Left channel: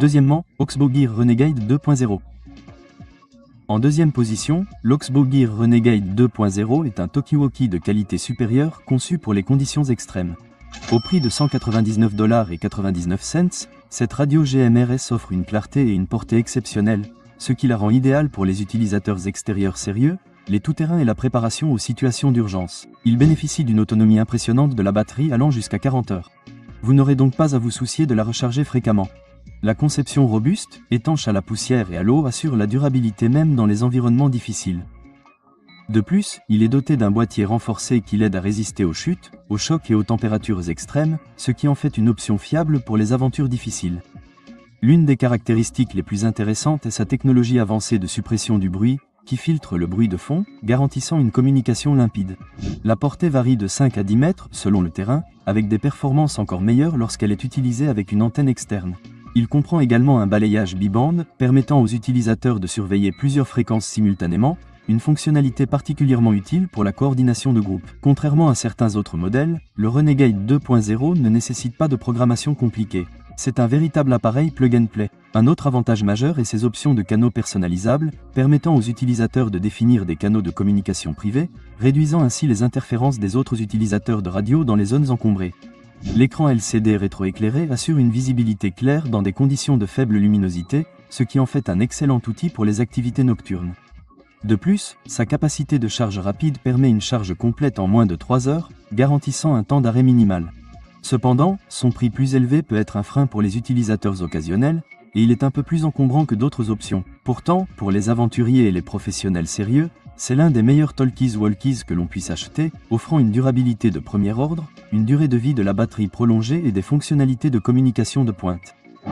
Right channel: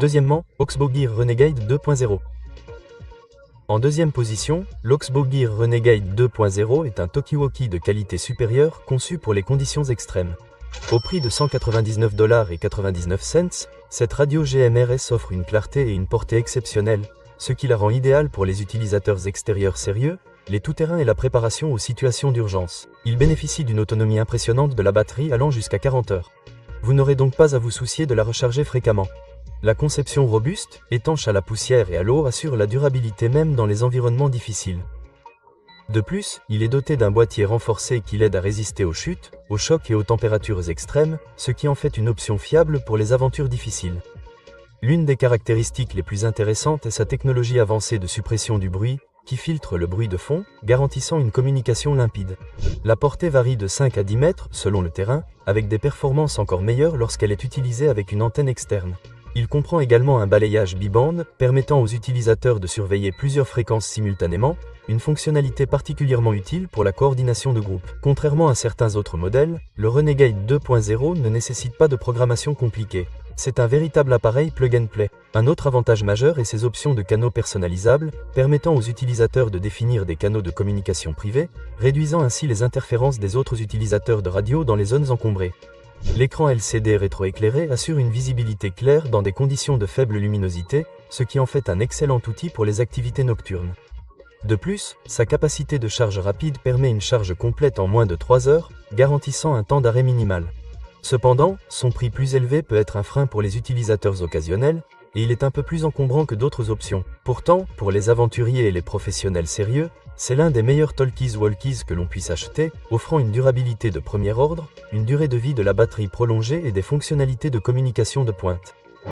Deuxièmement, Oxbow Gear Renegade 2.0. En deuxième position, l'Oxbow Gear Renegade 2.0 est un talkie-walkie de qualité supérieure conçu pour les conditions extrêmes. Au prix de 199,99 $, cette radio GMRS offre une clarté et une portée exceptionnelles, ce qui la rend idéale pour les utilisateurs extérieurs sérieux, les tout-terrains et la préparation aux situations d'urgence. Il bénéficie d'une autonomie impressionnante de la batterie allant jusqu'à 40 heures. Vous n'aurez donc pas à vous soucier de la recharger fréquemment. La conception robuste, étanche à la poussière et à l'eau assure la durabilité même dans les environnements difficiles. De plus, il est doté d'un boîtier renforcé qui l'aide à résister aux chutes, aux chocs et aux températures extrêmes, ce qui en fait une option fiable pour les aventures difficiles. L'une des caractéristiques les plus intéressantes est sa technologie avancée de suppression du bruit, qui filtre le bruit de fond, garantissant une communication limpide. La portée varie de 5 à 10 mètres selon le terrain, avec des performances encore meilleures lorsqu'elle est utilisée avec une antenne externe. Il comprend également un balayage bibande, permettant aux utilisateurs de surveiller plusieurs fréquences simultanément, une fonctionnalité particulièrement utile pour la coordination de groupe. Contrairement à certains autres modèles, le Renegade 2.0 ne nécessite pas de programmation compliquée. C'est un véritable appareil plug-and-play. Un autre avantage majeur est ses options de canaux personnalisables, permettant aux utilisateurs de définir des canaux de communication privés, réduisant ainsi les interférences des autres utilisateurs de radio dans les zones encombrées. L'écran LCD rétroéclairé assure une visibilité claire dans des conditions de faible luminosité, ce qui en fait un excellent outil pour les activités nocturnes. De plus, sa capacité de charge rapide permet une charge complète en moins de 3 heures, garantissant un temps d'arrêt minimal. Cependant, son prix plus élevé peut être un frein pour les utilisateurs occasionnels, et il est un peu plus encombrant que d'autres options. Pourtant, pour les aventuriers et les professionnels sérieux, c'est l'un des meilleurs talkies-walkies que l'on puisse acheter, offrant une durabilité de premier ordre, une durée de vie de la batterie prolongée et des fonctionnalités de communication de pointe.